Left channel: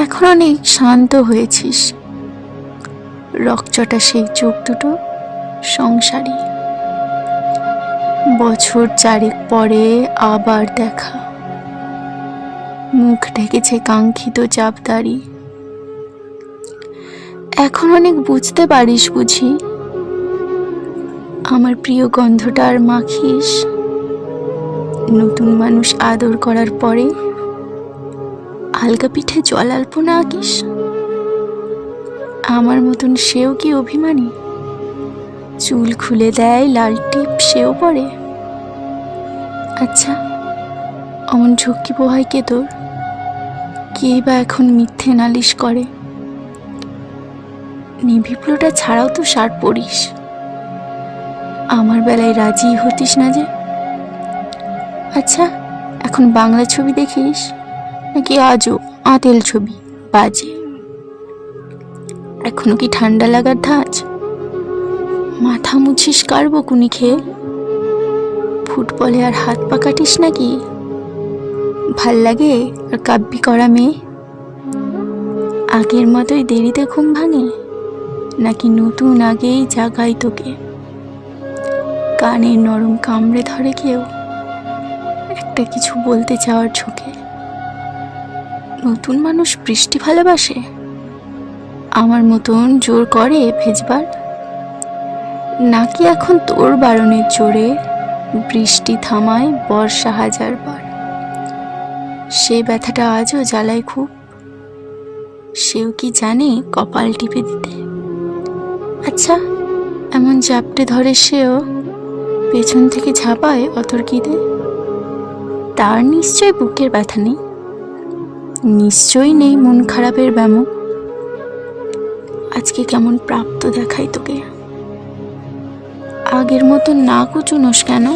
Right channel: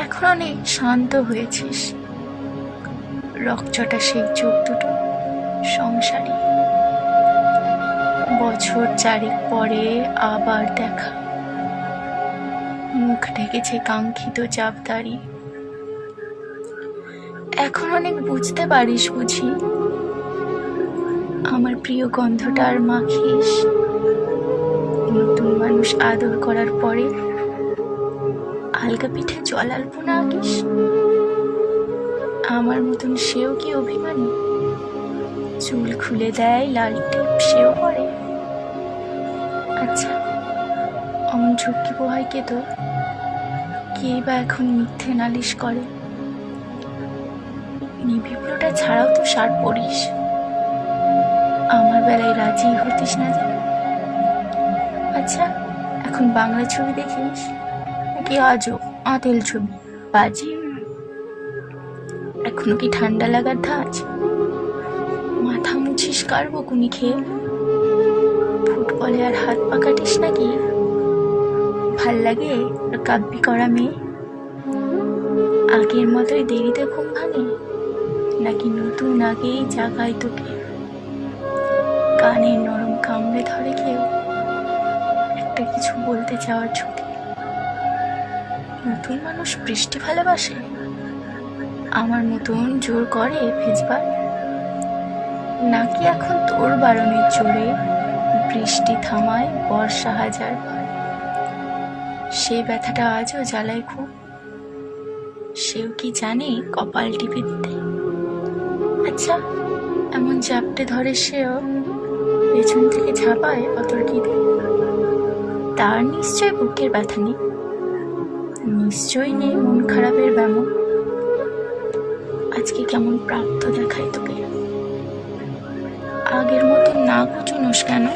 এখন অনেক শান্ত হয়েছিস। রকচটা সেই চোখ দুটো সংসারী। বছর চারেক পরে আবার দেখা। মুখ ঢেকেছে কাঙ্ক্ষিত চাপদারি এখন অনেক বুঝতে পারিস বুঝি। আমার প্রিয় গন্ধটা আর মাখিস। নতুন মানুষ আদর করার পরে আলগা পিঠে জল আলপনা আঁকিস? আমার মতন সেও কি অভিমানী? চুল খুলে দেয়, লাল টিপ, সেও পরে। আচ্ছা অমন ঝক্কি পোহায় কে তোর? কে বা এখন মিথ্যে নালিশ করে? নিভিপ্লোটা ছাড়াও তো শার্ট পরিস। আমার বেলায় রাজি হতিস না যে? আচ্ছা এখন বাংলা ছবি দেখিস? নাকি আজও আতেল ছবি বাজে? এখনও কি ঠান্ডা লাগার ধাঁচ? মাথা মুছিস কার বকুনি খেয়ে? ফুটবলে আর হাত পা কাটিস নাকি? ভালো লাগে আর কাব্যি করা মেয়ে? আগের মতোই দেরিতে ঘুম ভাঙে? নাকি নতুন আগেই জাগাই তোকে? কানের নরম কামড়ে ধরে কেউ? একটা কিছু বলতে চাওয়ার ঝোঁকে? নতুন মানুষ বৃষ্টি ভালোবাসে? আমার মতন জোর করে ভেজবার? নাকি এখন তোর বারণের জোরে বৃষ্টি থামায় বর্ষা হাজার বার? সে ব্যথাটা আজও জ্বালায় খুব। সেও কি জানে কপাল টিপে দিতে? আচ্ছা এমন জাপটে ধরে সেও পেছন থেকে ঝাঁপায় অতর্কিতে। তার নিশ্চয় বুকের ব্যথা নেই। নিশ্চয়ই নেই মন খারাপের ব্যামো। আজকে কেমন প্রাপ্ত দেখাই তোকে। আগের মতো না কুচুনোস কেন?